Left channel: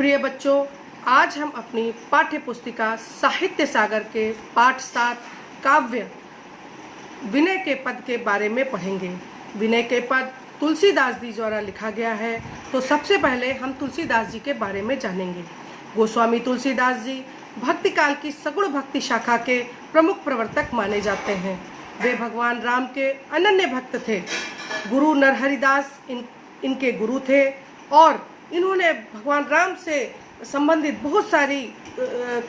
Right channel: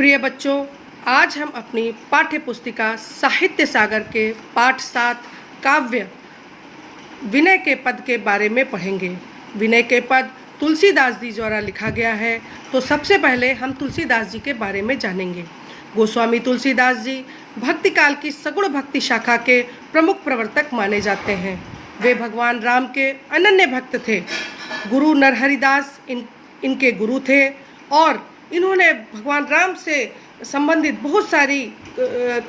प्रिय बच्चों, आज हम अपनी पाठ्य पुस्तिका साहित्य सागर के पाठ 7 काव्य विनय के पद के बारे में पढ़ेंगे। विनय के पद तुलसीदास जी द्वारा लिखा गया है। तो सबसे पहले हम तुलसीदास जी के बारे में जानेंगे। गोस्वामी तुलसीदास जी भक्ति काल की सगुण भक्ति शाखा के प्रमुख प्रवर्तक माने जाते हैं। वे भगवान राम के अनन्य भक्त थे। गुरु नरहरिदास इनके गुरु थे और इन्होंने भगवान राम से संबंधित बहुत सारी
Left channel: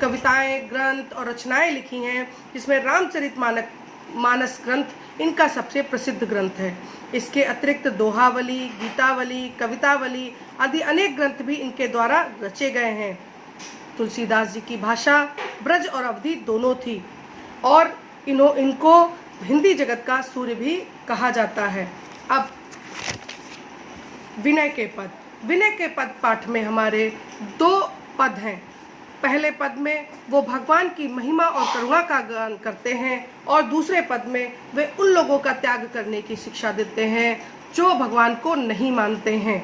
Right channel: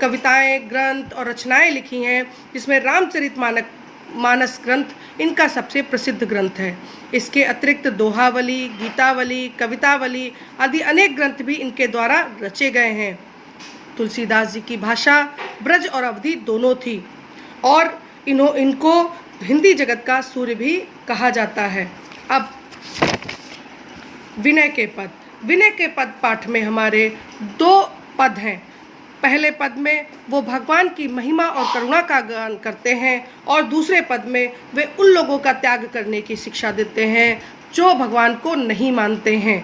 कविताएं, ग्रंथ और रचनाएं लिखी हैं, जिसमें रामचरितमानस ग्रंथ इनका सबसे प्रसिद्ध ग्रंथ है। इसके अतिरिक्त दोहावली, गीतावली, कवितावली आदि अनेक ग्रंथ भी इनके द्वारा रचे गए हैं। तुलसीदास जी की भाषा ब्रज और अवधी दोनों थी और इनको हिंदी जगत का सूर्य भी कहा जाता है। अब विनय के पद पाठ में हमारे 2 पद हैं। पहले पद में वो भगवान की महिमा और करुणा का गान करते हैं और दूसरे पद में वे उन लोगों का त्याग करने की शिक्षा देते हैं जो भगवान को नहीं मानते हैं।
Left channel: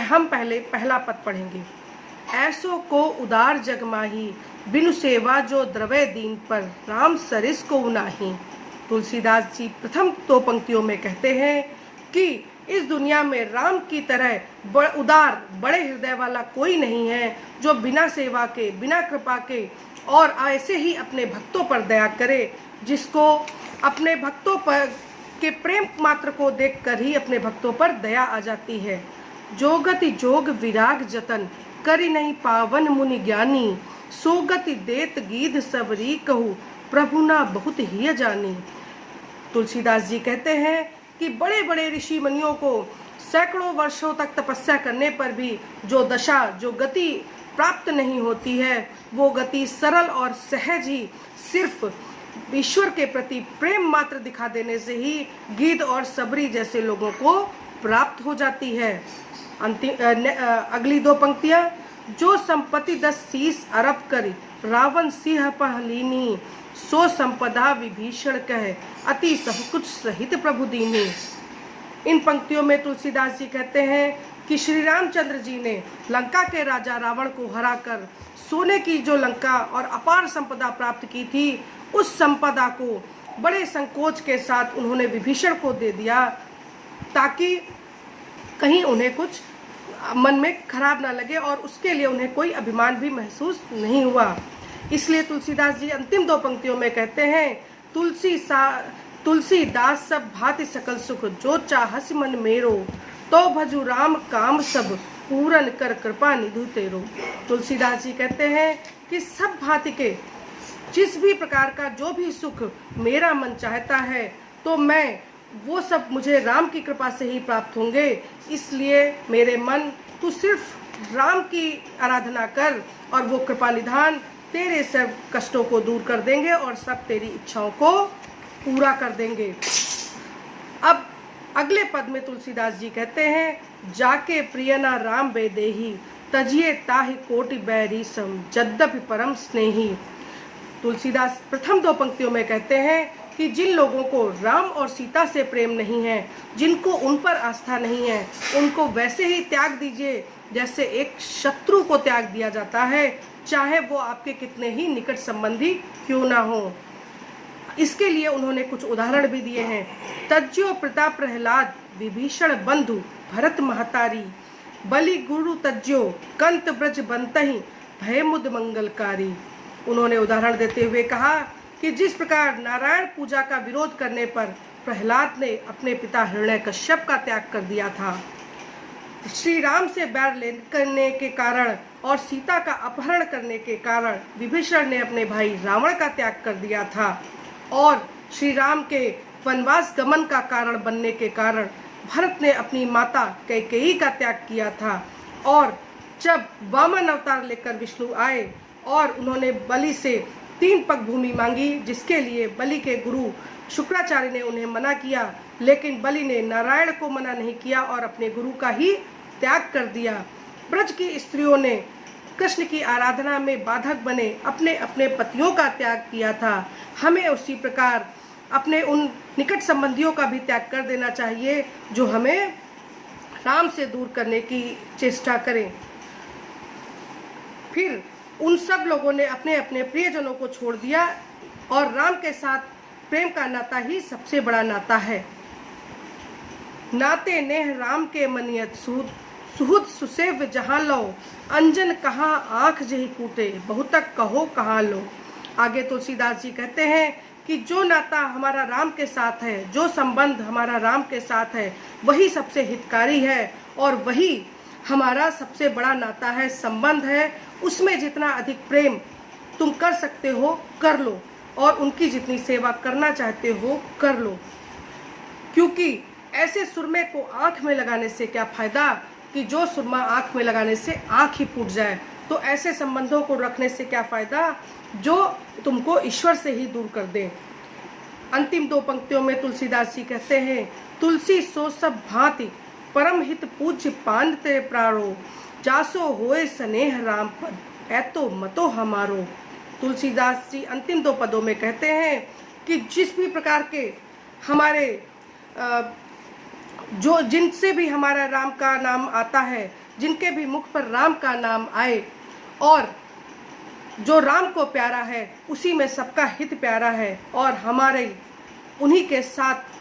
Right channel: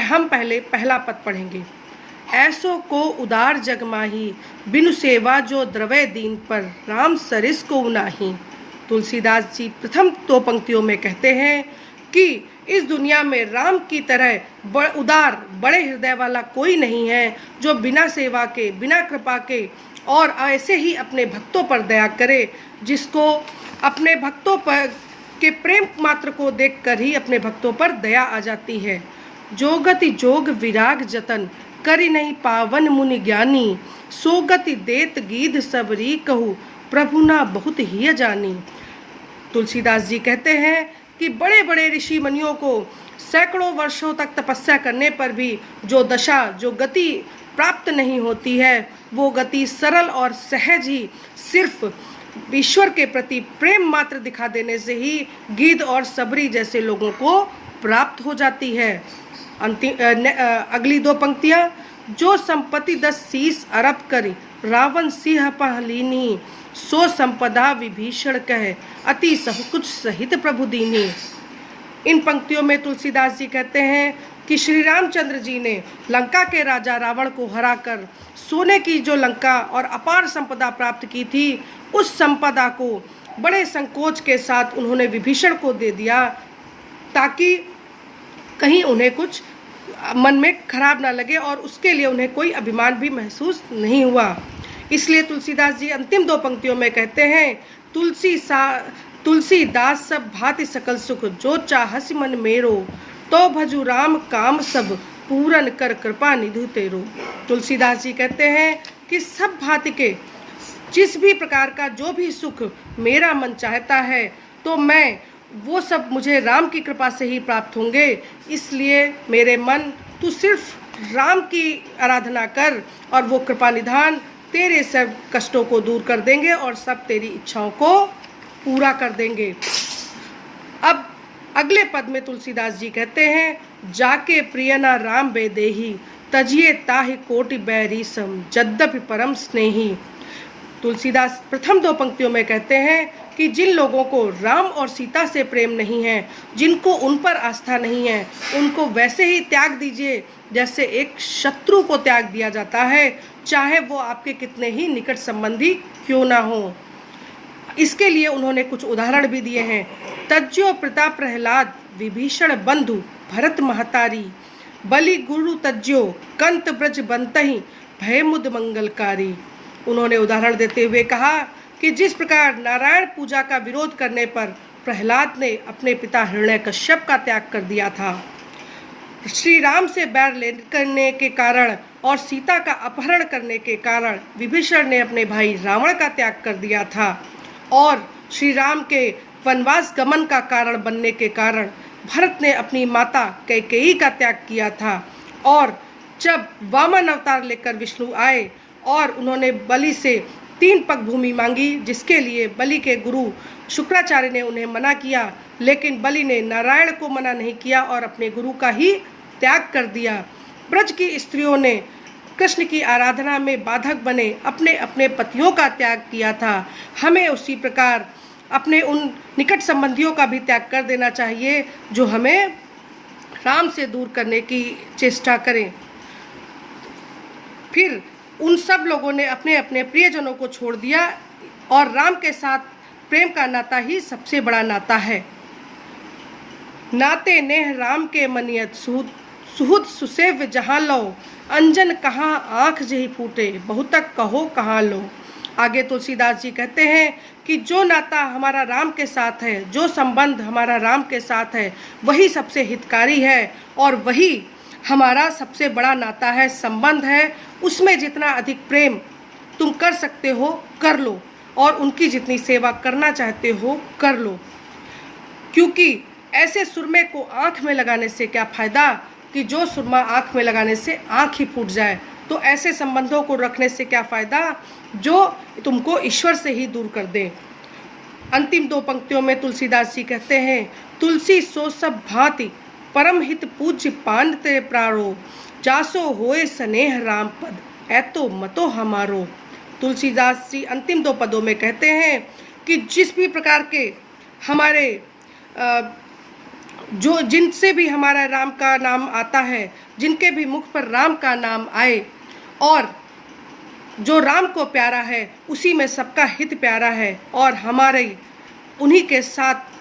हम पहले पहला पद पढ़ेंगे। ऐसो को उदार जग माही, बिनु सेवा जो द्रवय दीन पर, राम सरिस को नाही। तुलसीदास जी प्रथम 2 पंक्तियों में कहते हैं कि इस दुनिया में राम की तरह उदार बड़े हृदय वाला कोई नहीं है, जो बिना सेवा के, बिना कृपा के और ऐसे ही अपने भक्तों पर दया करे, जिसको अपने भक्तों पर के प्रेम मात्र को देखकर ही अपने भक्तों पर दया आ जाती है। जो गति जोग विराग जतन, करि नहीं पावन मुनि ज्ञानी, सो गति देत गीध सबरी कहू, प्रभु ना बहुत ही जानी। तुलसीदास जी कहते हैं कि बड़े बड़े ऋषि मुनियों को सैकड़ों वर्षों तक तपस्या करने पर भी जो गति प्राप्त नहीं होती है, वो गति सरल और सहज ही सिर्फ ईश्वर के प्रति प्रेम मात्र दिखा देने से ही गीध और सबरी जैसे लोगों को प्राप्त हो जाती है। अगली 2 पंक्तियां। जो संपत्ति 10 शीस अरब करी, रावण सिंह पहलीनी, सो संपदा विभीषण कहे, अति सब कुछ सहित प्रभु दीनी। इन पंक्तियों में तुलसीदास जी कहते हैं कि श्री रामचंद्र जी ने लंका के राजा रावण को हराकर सोने की जो लंका और अपार संपदा प्राप्त की थी, उस संपदा को बड़े संकोच के साथ उन्होंने विभीषण को दे दिया, ताकि कहीं उन्हें कुछ मन में खराब ना लगे और उसके लिए उन्हें कोई अभिमान भी महसूस नहीं हुआ। इसलिए तुलसीदास जी अंतिम 2 पंक्तियों में कहते हैं, तुलसीदास सब भांति सकल सुख, जो चाहस मन मेरो, तो भजु राम काम सब, पूरन कर कृपा निधु तेरो। तुलसीदास जी कहते हैं कि सब भांति के जिस भी प्रकार का जो भी सुख मेरा मन चाहता है, तो मैं वो सब मुझे राम की कृपा से ही प्राप्त होंगे। इसलिए मेरे मन, तू सिर्फ राम की आराधना कर और वो कृपा निधान तेरे सब कष्टों को दूर कर देंगे और सब तेरी इच्छाओं को पूरा कर देंगे। अब अगले पद में तुलसीदास जी कहते हैं, जाके प्रियना राम बेदेही, तजिए ताहि कोटि बैरी सम, यद्यपि परम स्नेही। तुलसीदास प्रथम 2 पंक्तियों में कहते हैं कि जिन लोगों को राम और सीता से प्रेम नहीं है, जिनको उन पर आस्था नहीं है, उनको वैसे ही त्याग दीजिए जैसे एक शत्रु को त्याग दिया जाता है, चाहे वो आपके कितने ही निकट संबंधी क्यों ना हो। इसके लिए उन्होंने कुछ उदाहरण भी दिए हैं। तज्जो पिता प्रहलाद, विभीषण बंधु भरत महतारी, बलि गुरु तज्जो कंत ब्रज बंतहि, भय मुद मंगलकारी। उन्होंने उदाहरण देते हुए कहा कि जिस प्रकार नारायण पूजा का विरोध करने पर प्रहलाद ने अपने पिता हिरण्यकश्यप का त्याग कर दिया था, श्री राम से बैर करने के कारण और सीता का अपहरण करने के कारण विभीषण ने अपने भाई रावण का त्याग कर दिया था, और श्री राम के वनवास गमन का कारण बनने के कारण भरत ने अपनी माता कैकेयी का त्याग किया था। और जब वामन अवतार लेकर विष्णु आए और उन्होंने बलि से 3 पग भूमि मांगी, जिसके लिए बलि के गुरु शुक्राचार्य ने उन्हें मना किया, लेकिन बलि ने नारायण को मना नहीं किया और अपने गुरु का ही त्याग कर दिया। ब्रज की स्त्रियों ने कृष्ण की आराधना में बाधक बने अपने अपने पतियों का त्याग किया था। हमें उसी प्रकार अपने उन निकट संबंधियों का भी त्याग कर देना चाहिए जो हमें राम से दूर करने की चेष्टा करें। फिर उन सब लोगों ने अपने अपने प्रियजनों को छोड़ दिया और राम के साथ प्रेम का नाता ही सबसे बड़ा नाता है। नाते नेह राम के मनियत सुहृद सुहृद सुसेव्य जहाँ लो, अंजन कहाँ आँख जही फूटे, बहुतक कहो कहाँ लो। आगे तुलसीदास जी कहते हैं कि जो नाता हमारा राम के साथ है, जो संबंध हमारा राम के साथ है, वही सबसे हितकारी है और वही हमारा सबसे बड़ा नाता है, संबंध है। उसमें जितना अधिक प्रेम तुम कर सकते हो कर लो और उनकी जितनी सेवा करना चाहते हो कर लो, क्योंकि ऐसे सुरमे को आँख में लगाने से क्या फ़ायदा कि जो सुरमा आँख में लगाने से आँख ही फूट जाए। तो ऐसे संबंधों को रखने से क्या फ़ायदा जो तुमको ईश्वर से ही दूर कर दें। अंतिम दो पंक्तियों में तुलसीदास जी कहते हैं, तुलसी सो सब भांति परम हित पूज्य पान ते प्राणो, जासो होए स्नेह राम पद ऐतो मतो हमारो। तुलसीदास जी अंतिम दो पदों में कहते हैं कि जिस भी प्रकार के हमारे जो जिनसे भी हमारा राम का नाम आता है, जिनके भी मुख पर राम का नाम आए और जो राम को प्यारा है, उसी में सबका हित प्यारा है और हमारे उन्हीं के साथ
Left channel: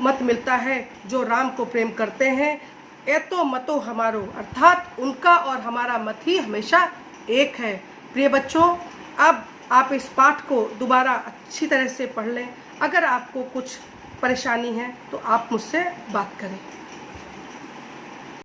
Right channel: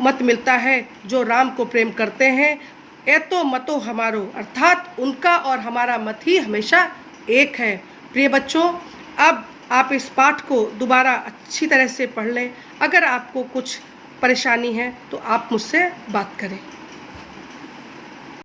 मत मिलता है जो राम को प्रेम करते हैं। ऐतो मतो हमारो, अर्थात उनका और हमारा मत ही हमेशा एक है। प्रिय बच्चों, अब आप इस पाठ को दोबारा अच्छी तरह से पढ़ लें। अगर आपको कुछ परेशानी है तो आप मुझसे बात करें।